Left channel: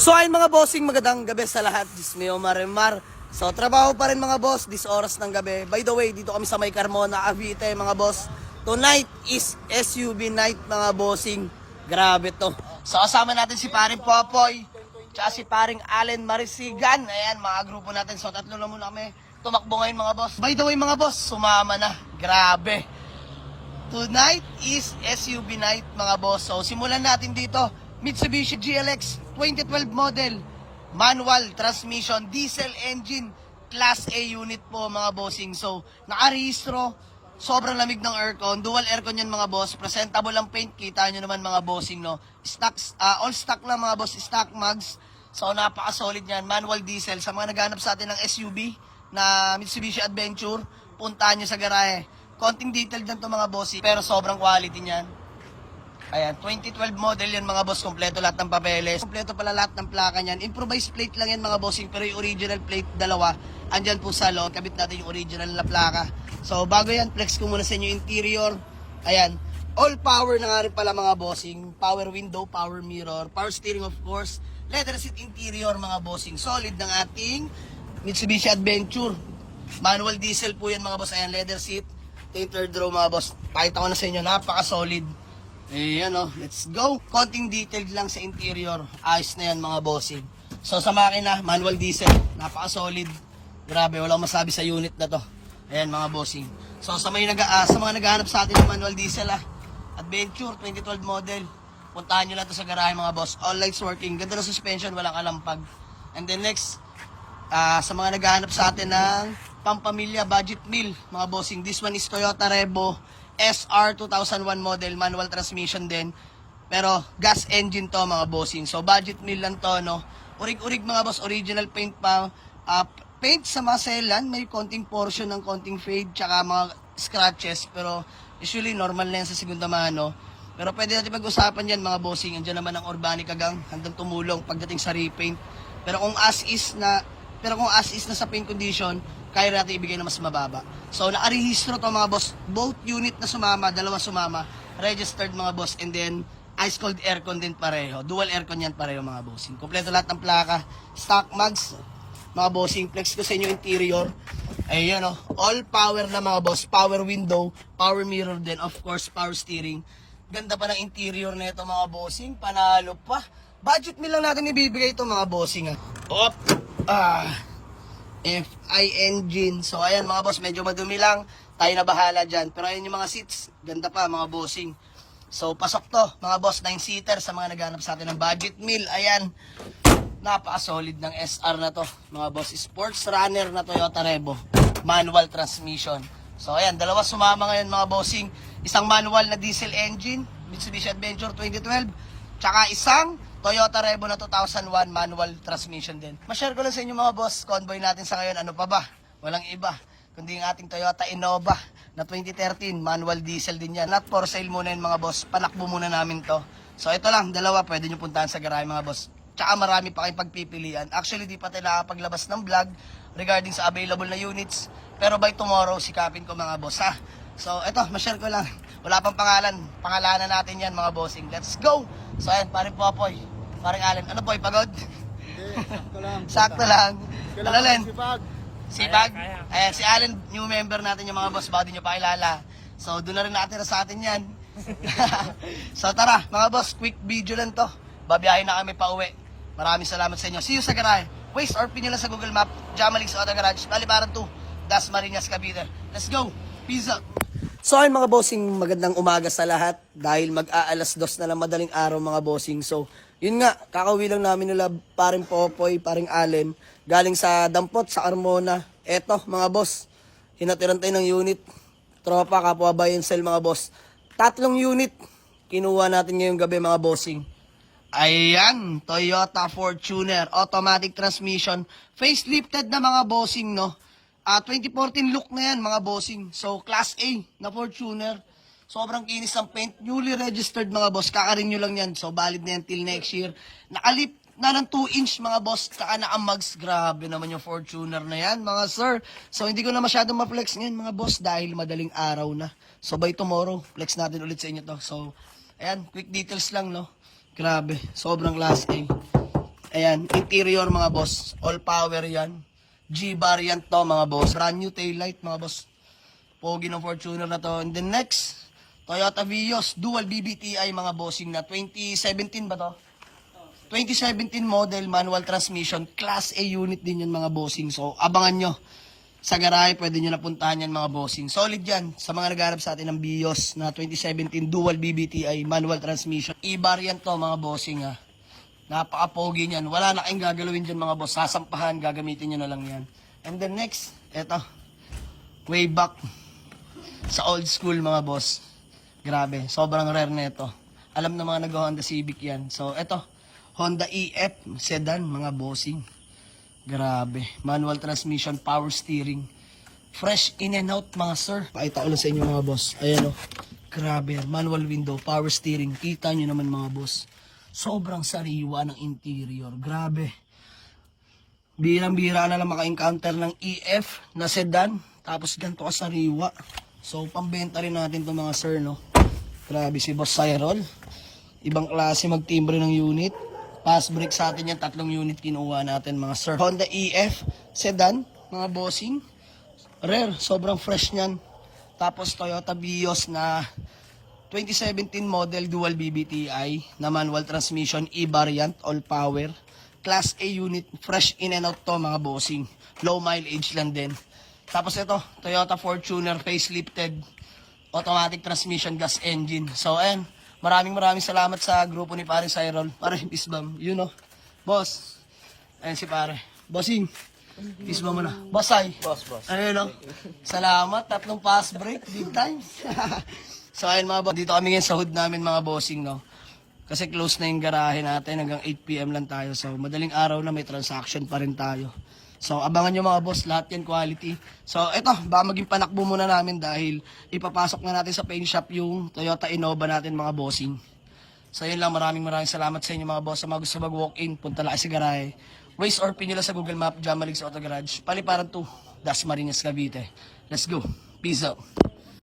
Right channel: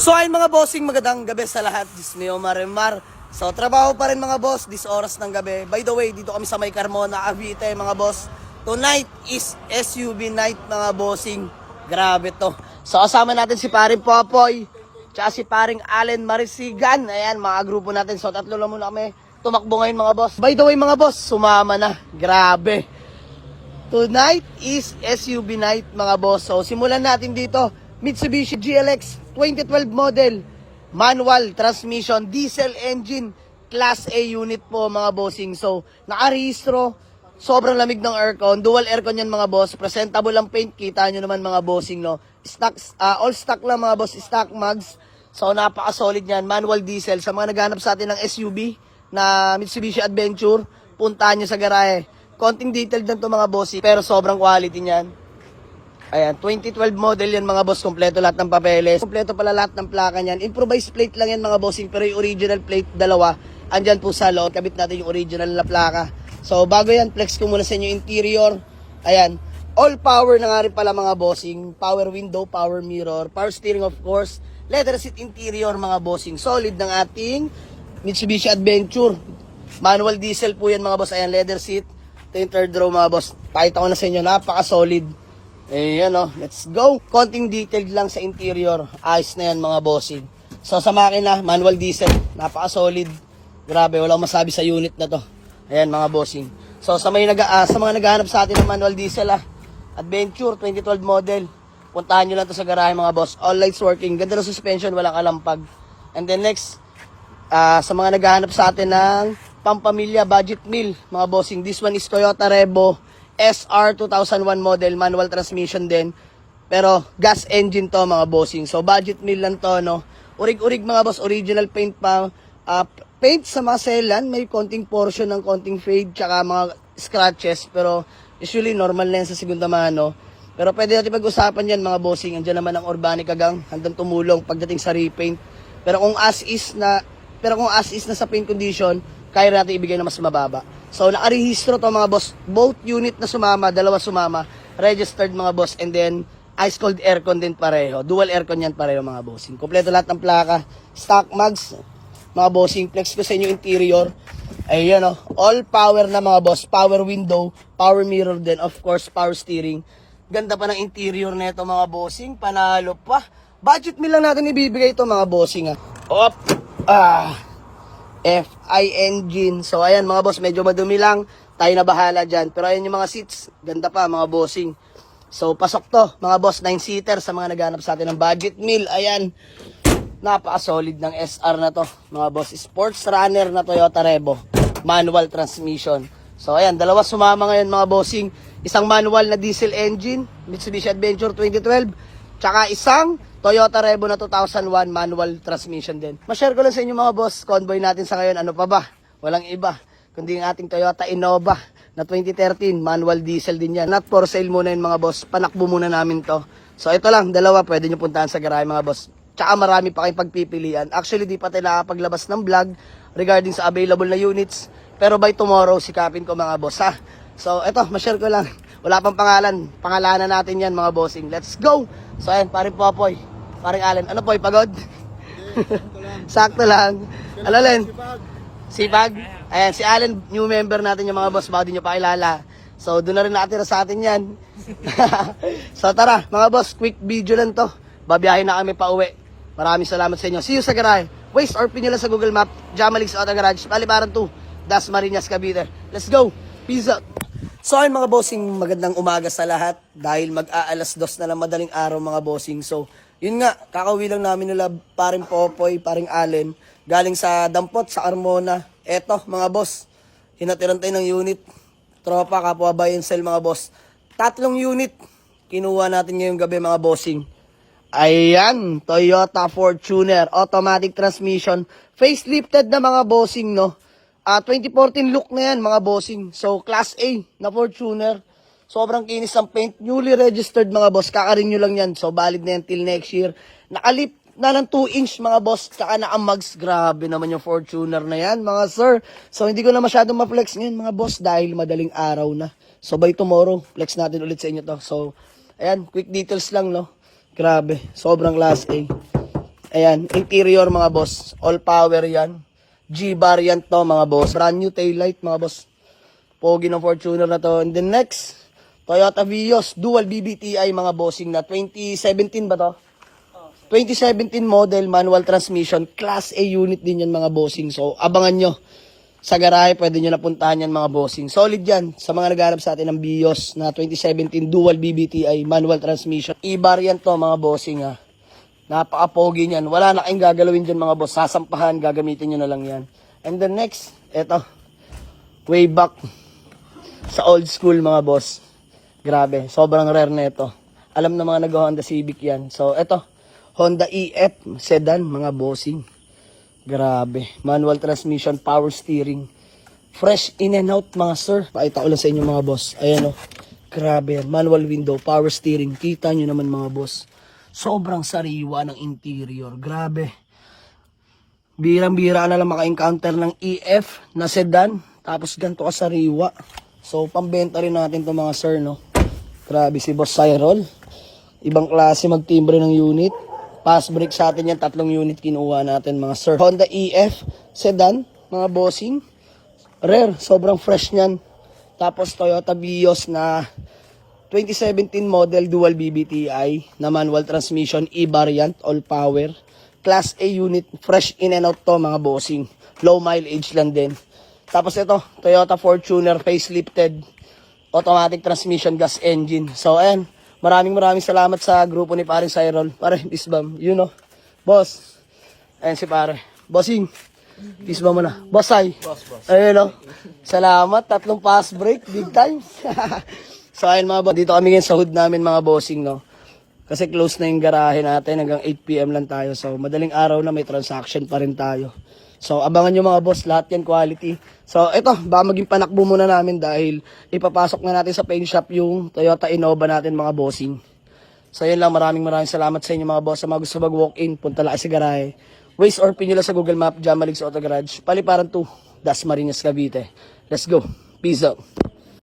So ayun mga bossing, magandang gabi sa lahat. Dismeo Marimar. So trabaho pa rin mga boss, this oras ng gabi. By the way, dito kami sa May Carmona, Cavite mga boss. Tonight is SUV night mga bossing. Grabe to. So kasama natin si paring Popoy, tsaka si paring Allen Marisigan. Ayan, mga grupo natin. So tatlo lang muna kami tumakbo ngayon mga boss. By the way mga boss, sumama na. Grabe. Tonight is SUV night mga boss. So simulan natin dito. Mitsubishi GLX 2012 model, manual transmission, diesel engine, class A unit po mga bossing. So nakarehistro, sobrang lamig ng aircon, dual aircon yan mga boss, presentable ang paint, kita nyo naman mga bossing no. Stocks, all stock lang mga boss, stock mags. So napaka-solid yan, manual diesel. Sa mga naghanap sa atin ng SUV na Mitsubishi Adventure, puntahan nyo sa garahe. Konting detailed lang to mga bossing, pero sobrang quality niyan. Ayan, 2012 model yan mga boss, kompleto lahat ng papeles. Kompleto pala lahat ng plaka niyan. Improvised plate lang yan mga bossing, pero yung original plate, dalawa. Andyan po sa loob, kabit natin yung original na plaka. So bago yan, flex ko muna sa inyo interior. Ayan, all power na nga rin pala mga bossing. Power window, power mirror, power steering of course. Leather seat interior mga bossing. Solid ng ating Mitsubishi Adventure. Manual diesel po yan mga boss. Ayan, leather seat. Ito yung third row mga boss. Pakita ko na sa inyo, napaka-solid. Ayan o, let's go. Konting detailed lang sa interior. Ayos na yan mga bossing. So sa makina, manual diesel. Napaka-solid. Grabe, wala akong masabi sa unit na to. Ayan mga bossing. So sa mga naghahanap sa atin ng manual diesel Adventure 2012 model, puntahan nyo lang to sa garahe mga boss. All lights working. Ganda ng suspension, walang kalampag. And then next, sa mga naghahanap sa atin ng pampamilya budget meal mga bossing. This one is Toyota Revo SR 2001 model, manual transmission din. Pero gas engine to mga bossing. So budget meal lang to no. Urig-urig mga boss, original paint pa. Paint sa mga selan, may konting portion ng konting fade tsaka mga scratches. Pero usually normal na yan sa segunda mano. Pero pwede natin pag-usapan yan mga bossing. Andiyan naman ang Urbanic Gang, handang tumulong pagdating sa repaint. Pero kung as is na sa paint condition, kaya natin ibigay na mas mababa. So nakarehistro to mga boss, both unit na sumama, dalawa sumama, registered mga boss, and then ice cold aircon din pareho, dual aircon yan pareho mga bossing. Kompleto lahat ng plaka, stock mags mga bossing. Flex ko sa inyo interior. Ayan o, all power na mga boss, power window, power mirror din, of course power steering. Ganda pa ng interior nito mga bossing, panalo pa. Budget meal lang natin ibibigay ito mga bossing Op! FI engine. So ayan mga boss, medyo madumi lang, tayo na bahala dyan. Pero ayan yung mga seats, ganda pa mga bossing. So pasok to mga boss, 9-seater sa mga naghanap sa atin ng budget meal. Ayan, napaka-solid ng SR na to mga boss. Sports runner na Toyota Revo, manual transmission. So ayan, dalawa sumama ngayon mga bossing. Isang manual na diesel engine, Mitsubishi Adventure 2012, tsaka isang Toyota Revo na 2001 manual transmission din. Ma-share ko lang sa inyo mga boss, convoy natin sa ngayon, ano pa ba? Walang iba, kundi ang ating Toyota Innova na 2013, manual diesel din yan. Not for sale muna yun mga boss, panakbo muna namin to. So ito lang, dalawa, pwede nyo puntahan sa garahe mga boss. Tsaka marami pa kayong pagpipilian. Actually, di pa tayo nakapaglabas ng vlog regarding sa available na units. Pero by tomorrow, sikapin ko mga boss So ito, ma-share ko lang. Wala pang pangalan, pangalanan natin yan mga bossing. Let's go! So ayan, paring Popoy, paring Allen. Ano po, pagod? Sakto lang. Sakto lang. Alalin? Sipag? Ayan, si Allen, new member natin yung mga boss, baka di nyo pa kilala. So doon na rin nakatira sa atin yan. So tara, mga boss, quick video lang to. Babiyahin na kami pa uwi. Maraming salamat sa inyo. See you sa garahe. Waste or pin nyo lang sa Google Map. Jamalix Auto Garage, Palibaran 2, Dasmariñas, Cavite. Let's go! Peace out! So ayun mga bossing, magandang umaga sa lahat dahil mag-aalas 2 na lang madaling araw mga bossing. So yun nga, kakauwi lang namin nila paring Popoy, paring Allen, galing sa Dampot, sa Carmona. Eto mga boss, hinatiran tayo ng unit, tropa, kapwa buy and sell mga boss. 3 unit, kinuha natin ngayong gabi mga bossing. Ayan, Toyota Fortuner, automatic transmission, facelifted na mga bossing no. 2014 look na yan mga bossing. So class A na Fortuner. Sobrang kinis ng paint. Newly registered mga boss. Kakarenew lang yan. So valid na yan till next year. Nakalip na ng 2 inch mga boss. Saka naka-mugs. Grabe naman yung Fortuner na yan mga sir. So hindi ko na masyadong ma-flex ngayon mga boss dahil madaling araw na. So by tomorrow, flex natin ulit sa inyo to. So ayan, quick details lang no. Grabe, sobrang class A. Ayan, interior mga boss. All power yan. G-variant to mga boss. Brand new taillight mga boss. Pogi ng Fortuner na to. And then next, Toyota Vios. Dual BBTI mga bossing na. 2017 ba to? 2017 model, manual transmission. Class A unit din yan mga bossing. So, abangan nyo. Sa garahe, pwede nyo napuntahan yan mga bossing. Solid yan sa mga naghanap sa atin ng Vios na 2017 dual BBTI manual transmission. E-variant to mga bossing ha. Napaka-pogi niyan. Wala na kayong gagalawin dyan mga boss. Sasampahan, gagamitin nyo na lang yan. And then next, eto. Way back sa old school mga boss. Grabe, sobrang rare na ito. Alam na mga nag-Honda Civic yan. So, eto. Honda EF sedan mga bossing. Grabe. Manual transmission, power steering. Fresh in and out mga sir. Pakita ko lang sa inyo mga boss. Ayan o. Grabe. Manual window, power steering. Kita nyo naman mga boss. Sobrang sariwa ng interior. Grabe. Birang-bira na lang maka-encounter ng EF na sedan. Tapos ganito ka sariwa. So, pambenta rin natin to mga sir, no? Grabe si Boss Cyril. Ibang klase magtimbre ng unit. Pass brake sa atin yan. 3 unit kinuha natin mga sir. Honda EF sedan, mga bossing. Rare. Sobrang fresh niyan. Tapos Toyota Vios na 2017 model dual BBTI na manual transmission, E-variant, all power. Class A unit, fresh in and out to mga bossing. Low mileage lang din. Tapos ito, Toyota Fortuner facelifted, automatic transmission, gas engine. So ayan, maraming salamat sa grupo ni Paring Cyril. Pare, isbam, you know. Boss, ayan si pare. Bossing, isbam mo na. Bossay. Boss. Ayun no. Salamat, 3 pass break, big time. So ayun mga boss, dito kami ngayon sa hood namin mga bossing, no. Kasi close na yung garahe natin, hanggang 8 PM lang tayo. So madaling araw na may transaction pa rin tayo. So abangan nyo mga boss, lahat yan quality. So ito, baka maging panakbo muna namin dahil ipapasok na natin sa paint shop yung Toyota Innova natin mga bossing. So yun lang, maraming salamat sa inyo mga boss. Sa mga gusto mag-walk-in, punta lang sa garahe. Waze or pin nyo lang sa Google Map, Jamalig's Auto Garage, Paliparan 2, Dasmariñas, Cavite. Let's go. Peace out.